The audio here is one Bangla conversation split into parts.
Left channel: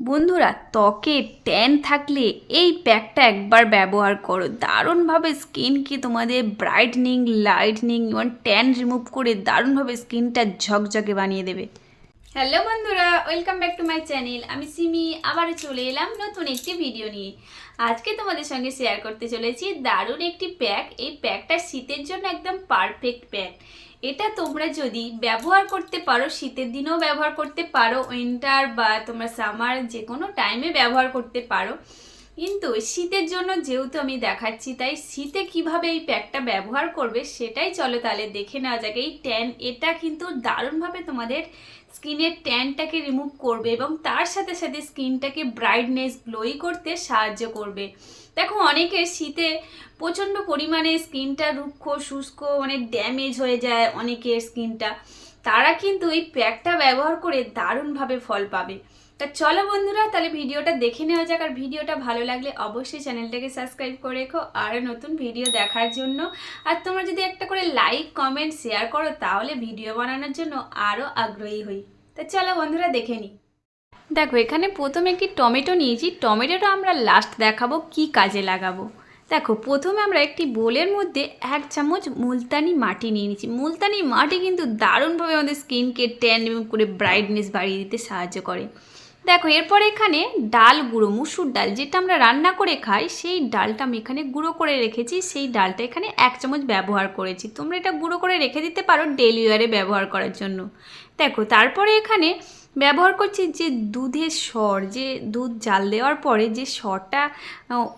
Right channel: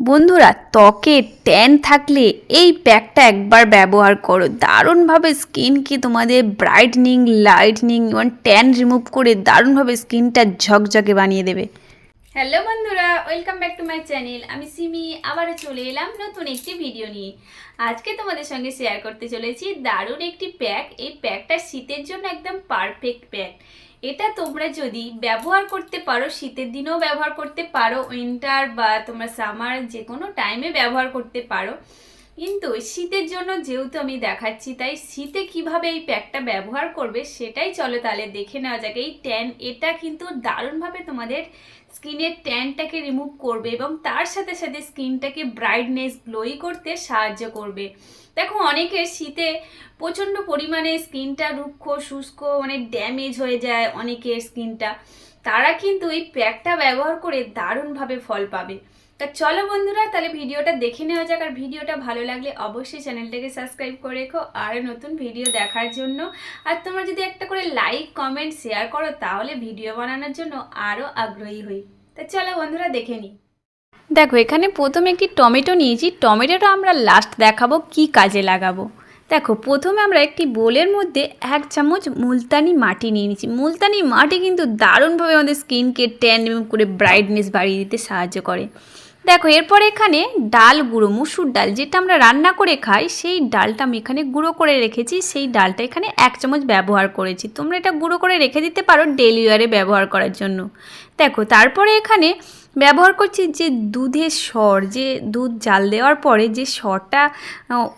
বন্ধুরা, ত্বকে ট্যান থাকলে এই প্যাকটা একবার ব্যবহার করো। দারুণভাবে স্কিনকে তোমাদের ব্রাইটনিং, লাইটনিং এবং ট্যান রিমুভ করে দারুণভাবে স্কিনটা ঝকঝকে বানিয়ে দেবে। হ্যালো বন্ধুরা, welcome back to my channel. আমি সিমি আবারও চলে এলাম নতুন একটি ভিডিও নিয়ে। আজকে তোমাদের সঙ্গে শেয়ার করতে চলেছি দারুণ একটি প্যাক। এই প্যাকটা শীতের জন্য একদম পারফেক্ট প্যাক। এটা তোমরা যদি ব্যবহার করতে পারো, শীতের দিনেও ব্যবহার করতে পারো, উইন্টার বা তোমরা সামার যে কোনো টাইমে ব্যবহার করতে পারো। কিন্তু শীতের জন্য যেহেতু আমি দেখাচ্ছি, তাই শীতে কিভাবে এই প্যাকটা ব্যবহার করবে সেটাই চলো তাহলে দেখে নেওয়া যাক। এই ট্যান এটা কিন্তু দারুণভাবে তোমাদের স্কিনের ট্যানটাকে রিমুভ করবে এবং তার সাথে সাথে স্কিনটাকে ব্রাইটনেস, গ্লোই করতে সাহায্য করবে। দেখো, অনেকের শীতে প্রচণ্ড পরিমাণে স্কিনটা রুক্ষ, শুষ্ক, মানে ড্যামেজ হয়ে যায় অনেকের স্কিনটা। তারা কিন্তু এই প্যাকটা ব্যবহার করে দারুণভাবে ফল পাবে। তা চলো বন্ধুরা, তাহলে ভিডিওটা দেখে নেওয়া যাক। আর ভিডিওটা ভালো লাগলে অবশ্যই চ্যানেলটাকে সাবস্ক্রাইব করে রেখো আরও নতুন ভিডিও দেখার জন্য। আর তোমরা যদি একটা করে লাইক, কমেন্ট, শেয়ার করো তাহলে ভিডিও বানানোর জন্য আরও আগ্রহী হই। তা চলো বন্ধুরা দেখে নিই। দেখো, এখানে প্রথমে একটি টমেটো নিয়েছি। টমেটোটা আমরা লাস্ট দেখাবো কি কাজে লাগাবো। দেখো, প্রথমে আমরা একটি বোলের মধ্যে 1 চামচ মুলতানি মাটি নিয়ে নিচ্ছি। মুলতানি মাটি কিন্তু দারুণভাবে আমাদের স্কিনকে ট্যান রিমুভ করে ব্রাইটনেস বাড়িয়ে দিতে সাহায্য করে। দেখো, এরপর এখানে ডাল গুঁড়ো, মুসুর ডাল যেটা আমরা রান্না করে খাই, সেই ডালটা আমি এখানে গুঁড়ো করে রেখেছি। সেই ডালটা এখানে 1 চামচ ব্যবহার করেছি। তোমরা এটা গুঁড়ো করে রেখে দিতে পারো ডেইলি ওয়ারে ব্যবহার করার জন্য। দেখো, তারপরে এখানে ব্যবহার করছি যে দুধের সর, যে দুধ জাল দেওয়ার পরে যে সরটা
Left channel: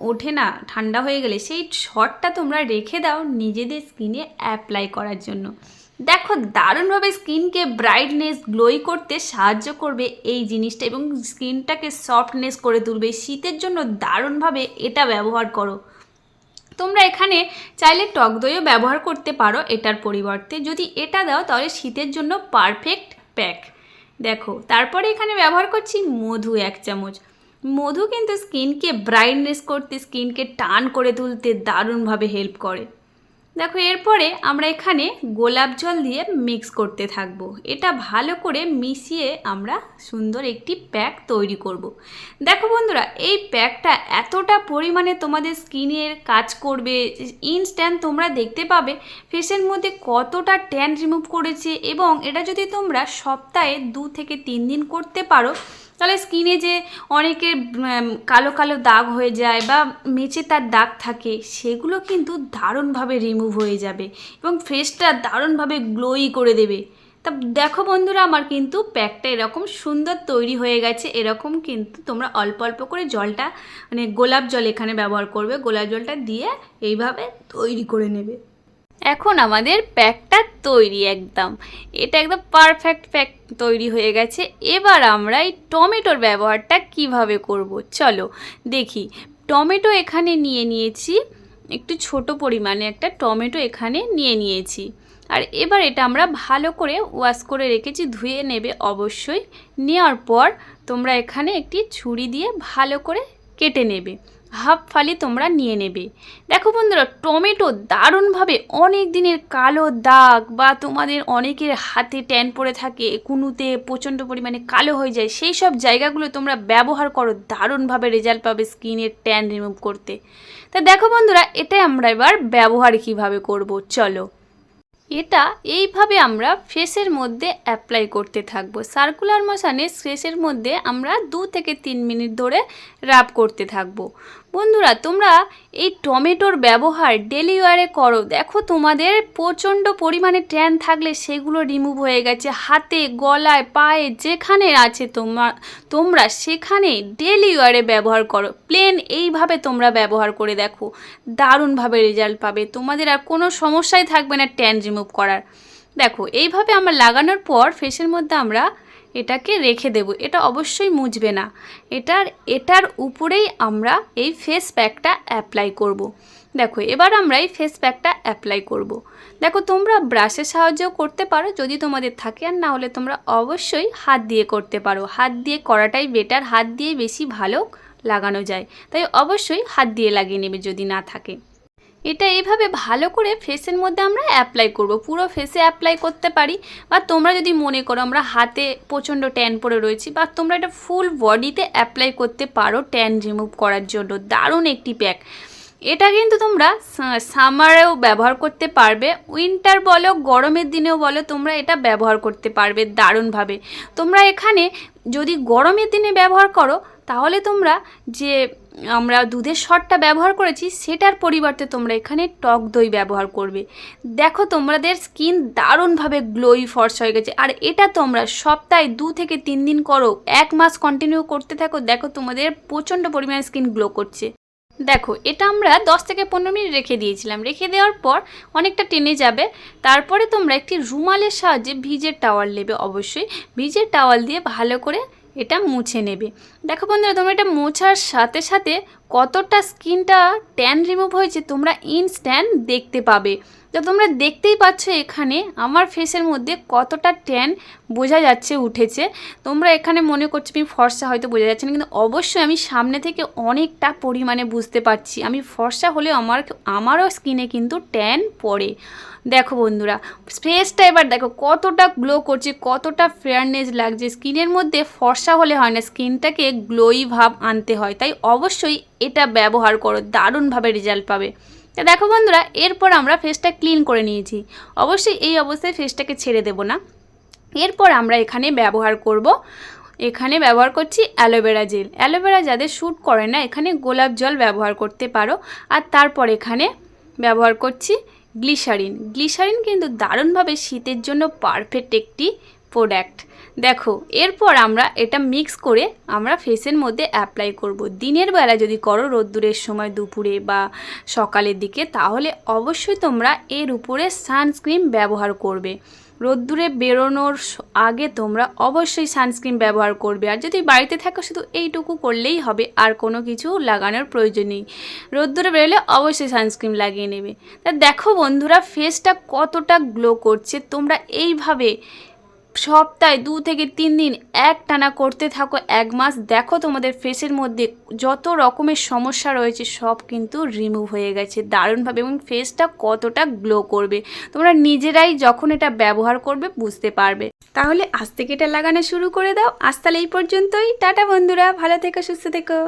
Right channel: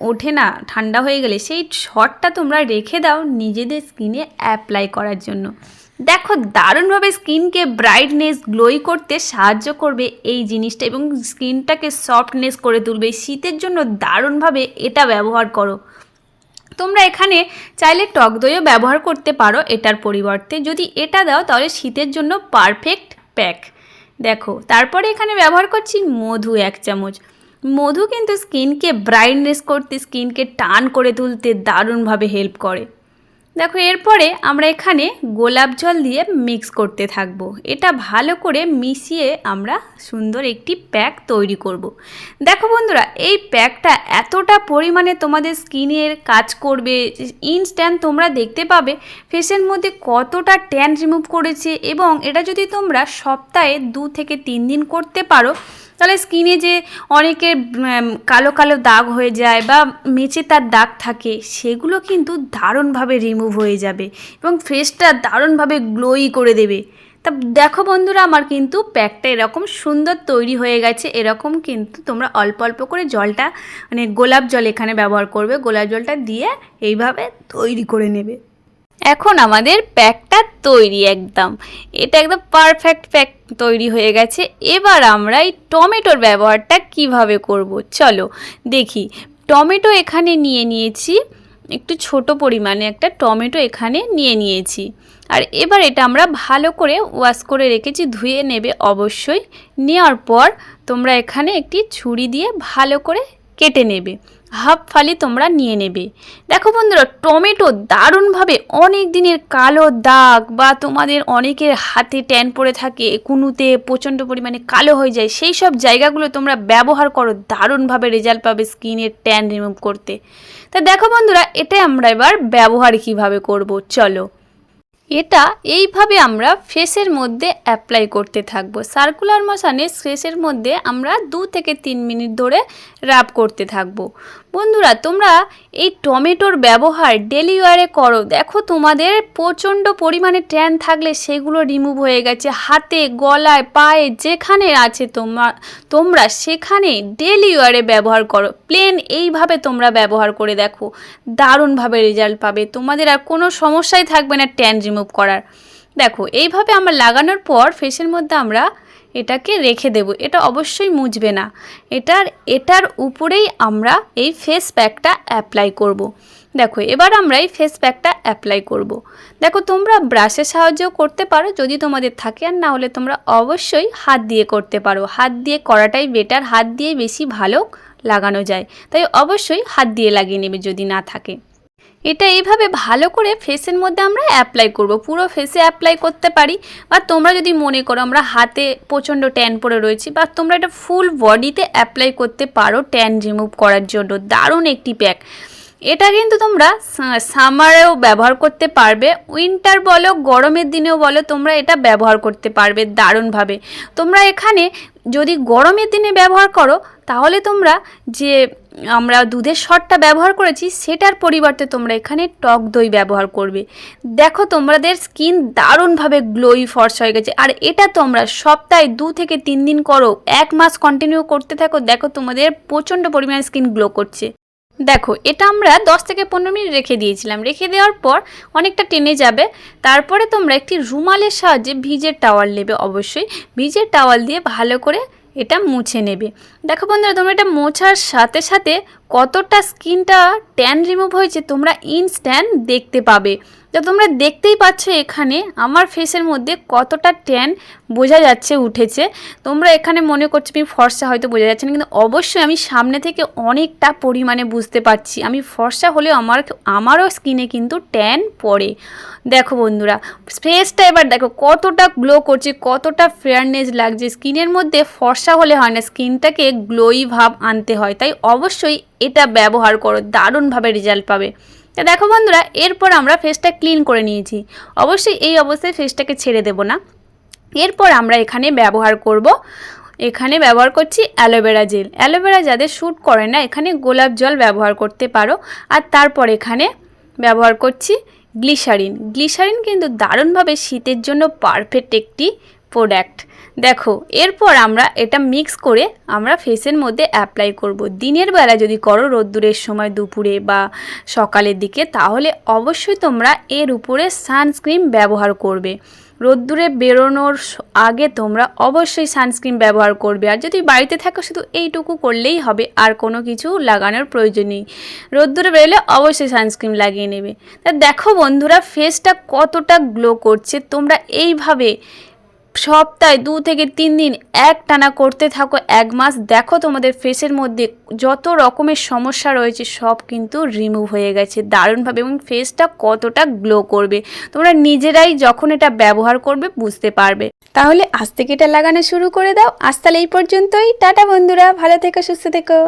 ওঠে না ঠান্ডা হয়ে গেলে, সেই সরটা তোমরা রেখে দাও নিজেদের স্কিনে অ্যাপ্লাই করার জন্য। দেখো, দারুণভাবে স্কিনকে ব্রাইটনেস, গ্লোই করতে সাহায্য করবে এই জিনিসটা এবং স্কিনটাকে সফটনেস করে তুলবে। শীতের জন্য দারুণভাবে এটা ব্যবহার করো। তোমরা এখানে চাইলে টক দইও ব্যবহার করতে পারো এটার পরিবর্তে। যদি এটা দাও তাহলে শীতের জন্য পারফেক্ট প্যাক। দেখো, তারপরে এখানে ব্যবহার করছি মধু 1 চামচ। মধু কিন্তু স্কিনকে ব্রাইটনেস করতে, স্কিনকে টান করে তুলতে দারুণভাবে হেল্প করে। দেখো, এরপরে আমরা এখানে গোলাপ জল দিয়ে মিক্স করতে থাকবো। এটা ভালো করে মিশিয়ে আমরা সুন্দর একটি প্যাক তৈরি করব। দেখো বন্ধুরা, এই প্যাকটা এতটা পরিমাণে তোমাদের স্কিনের কাজ করবে, ইনস্ট্যান্ট তোমরা দেখতে পাবে ফেসের মধ্যে কতটা ট্যান রিমুভ করেছে। এবং এটা যদি তোমরা সপ্তাহে 2 থেকে 3 দিন করতে পারো, তাহলে স্কিনে যে অনেকের কালো কালো দাগ হয়ে যায় বা মেচে তার দাগ থাকে, সেগুলো কিন্তু দারুণভাবে রিমুভ হয়ে যাবে এবং ফেসটা দারুণভাবে গ্লোই করে দেবে। তা দেখো বন্ধুরা, আমার কিন্তু প্যাকটা এরকম সুন্দর তৈরি হয়ে গেছে। এরকম কিন্তু তোমরা অল্প অল্প করে জলটা, মানে গোলাপ জল এখানে ব্যবহার করবে, গোলাপ জলটা দিয়ে এইভাবে তৈরি করে নেবে। এখন আমাদের প্যাকটা তৈরি একদম, এটা একদম পারফেক্ট প্যাক তৈরি হয়ে গেছে। এবার আমরা এই টমেটোর ব্যবহারটা কিভাবে করব চলো দেখি। টমেটো এখানে নিয়ে নিয়েছি, একটু ছোট পরিমাণে একটা টমেটো এখানে নিয়ে নিয়েছি। আর এবার এটা আমরা ভালো করে ওয়াশ করে রেখেছি, ধুয়ে নেবে অবশ্যই। নেওয়ার পর তোমরা এখানে একটি ছুরি দিয়ে ভালো করে কেটে নেবে, হাফ ফালি তোমরা নিয়ে নেবে। দেখো বন্ধুরা, টমেটো দারুণভাবে অনেক দিনের কালো দাগ বা তোমাদের অনেকের হাতে ট্যান পড়ে থাকে, কুনুতে প্রচণ্ড পরিমাণে কালো হয়ে যায়, সেই সব জায়গাগুলো তোমরা ব্যবহার করো, দারুণভাবে রেজাল্ট পাবে স্কিনের ট্যান রিমুভ করতে। তা দেখো বন্ধুরা, এটা আমরা এবার ব্যবহার কিভাবে করব চলো। এটা এইভাবে আমরা ফেসের মধ্যে অ্যাপ্লাই করতে থাকবো। সার্কুলার মোশনে ফেসের মধ্যে আমরা 2 থেকে 3 মিনিট ধরে রাব করতে থাকবো। বন্ধুরা, তোমরা এই টমেটোর ব্যবহার ডেলি ওয়ারে করো। দেখো, তোমাদের প্রচণ্ড পরিমাণে ট্যান থাকলে সেগুলো রিমুভ হয়ে গেছে। হাতে, গলায়, পায়ে যেখানে আছে তোমরা সেখানে ডেলি ওয়ারে ব্যবহার করো। প্লেন এইভাবে তোমরা ব্যবহার করে দেখো, দারুণভাবে রেজাল্ট পাবে। তোমাদের আর কোনো সমস্যাই থাকবে না ট্যান রিমুভ করার। দেখো, এইভাবে আমরা লাগানোর পর ফেসের মধ্যে আমরা এটাকে রেখে দেব। এটা অবশ্যই মুছবে না। এটার উপরেই আমরা এই ফেস প্যাকটা অ্যাপ্লাই করব। দেখো, এবার আমরা এই ফেস প্যাকটা অ্যাপ্লাই করব। দেখো, তোমরা ব্রাশের সাহায্যেও করতে পারো যদি তোমাদের থাকে, আর না হলে তোমরা অবশ্যই হাত দিয়ে করতে পারো। হাত দিয়ে করাটাই বেটার, হাত দিয়ে বেশি ভালো লাগানো যায়, তাই অবশ্যই হাত দিয়ে লাগিয়ে নেবে যদি না থাকে। এটা এইভাবে ভালো করে ফেসের মধ্যে আমরা অ্যাপ্লাই করব, পুরো ফেসে অ্যাপ্লাই করতে পারি। বা তোমরা যদি মনে করো আমরা হাতে প্রচণ্ড ট্যান পড়ে রয়েছি, বা তোমরা এটা ফুল বডিতে অ্যাপ্লাই করতে পারো ট্যান রিমুভ করার জন্য। দারুণ একটি প্যাক। এটা কিন্তু তোমরা সামারেও ব্যবহার করতে পারবে, উইন্টার বলো গরমের দিনেও বলো, তোমরা এটা ব্যবহার করতে পারবে দারুণভাবে। তোমরা এখানে যদি গরমের দিনে ব্যবহার করো তাহলে তোমরা যে আমরা দুধের শটটা ব্যবহার করেছি সেটার পরিবর্তে তোমরা এখানে টক দই ব্যবহার করবে। দেখো তোমাদের স্কিন দারুণভাবে গ্লোই ফর্সা হয়ে গেছে। আর এটা তোমরা সপ্তাহে 2 থেকে 3 দিন করো, 1 মাস কন্টিনিউ করতে থাকো, দেখো তোমাদের প্রচণ্ড পরিমাণে স্কিন গ্লো করছে। দেখো এটা আমরা 10 থেকে 15 মিনিট রেখে দিয়েছিলাম, রেখে দেওয়ার পর অনেকটা টেনে যাবে। তারপরে তোমরা একটি রুমালের সাহায্যে ভিজের টাওয়াল নেবে, অবশ্যই ভিজের টাওয়াল দিয়ে ভালো করে এটা মুছে নেবে। দেখো বন্ধুরা, তোমরা এটা মোছার সাথে সাথে কতটা স্কিনটা ট্যান রিমুভ হয়েছে তোমরা ইনস্ট্যান্ট দেখতে পাবে। তো তোমরা দেখতেই পাচ্ছ এখানে আমার ফেসের মধ্যে কতটা ট্যান বোঝা যাচ্ছে উঠেছে। তোমরা এখানে মনে করছো আমি ফর্সা, হয়তো বোঝা যাচ্ছে না, কিন্তু অবশ্যই আমি সামনে থেকে অনেকটা পরিমাণে বুঝতে পারছি আমি ফর্সা হলেও আমারও স্কিনে কিন্তু ট্যান পড়ে। দেখো বন্ধুরা, ফেসটা এবার দেখো কতটা গ্লো করছে, কতটা ফেয়ারনেস লাগছে। স্কিনের মধ্যে ফর্সা হলে হয় না, স্কিনটাকে গ্লোই ভাব আনতে হয়। তাই অবশ্যই এটা ব্যবহার করো, দারুণভাবে রেজাল্ট পাবে। তা দেখো বন্ধুরা, এরপর আমরা ফেসটা ক্লিন করে নিয়েছি। অবশ্যই এই অবস্থায় ফেসটাকে ছেড়ে দেব না। এরপর আমরা এখানে ব্যবহার করছি অ্যালোভেরা জেল। অ্যালোভেরা যাদের শ্যুট করে না এখানে গোলাপ জল ব্যবহার করতে পারো। আর তারপর এখানে ব্যবহার করছি গ্লিসারিন কিন্তু দারুণভাবে শীতের জন্য পারফেক্ট একটি প্রোডাক্ট। দেখো এরপর আমরা এটা মিক্স করে আমরা ফেসের মধ্যে অ্যাপ্লাই করব। দিনের বেলা যদি করো রোদ্দুরের সময় দুপুরে বা সকালের দিকে, তাহলে অবশ্যই তোমরা এর উপরে সানস্ক্রিন ব্যবহার করবে। রোদ্দুরে বেরোনোর আগে তোমরা অবশ্যই সানস্ক্রিন ব্যবহার করবে। আর যদি বাড়িতে থাকো শুধু এইটুকু করলেই হবে, আর কোনো কিছু লাগানোর প্রয়োজন নেই। রোদ্দুরে বেরোলে অবশ্যই সানস্ক্রিন লাগিয়ে নেবে। তা দেখো বন্ধুরা, ফেসটা কতটা গ্লো করছে। তোমরা এইভাবে সপ্তাহে 2 থেকে 3 দিন একটানা করতে থাকো, 1 মাস, দেখো তোমাদের ফেসের মধ্যে যত রকমের সমস্যা রয়েছে সব কিন্তু রিমুভ হয়ে গেছে দারুণভাবে, এবং ফেসটা কতটা গ্লো করবে তোমরা নিজেরাই যখন এটা ব্যবহার করবে বুঝতে পারবে। তাহলে আজ থেকে এটা লাগানো শুরু করে দাও। আজ তাহলে এই পর্যন্তই, টাটা বন্ধুরা, ভালো থেকো, সুস্থ থেকো।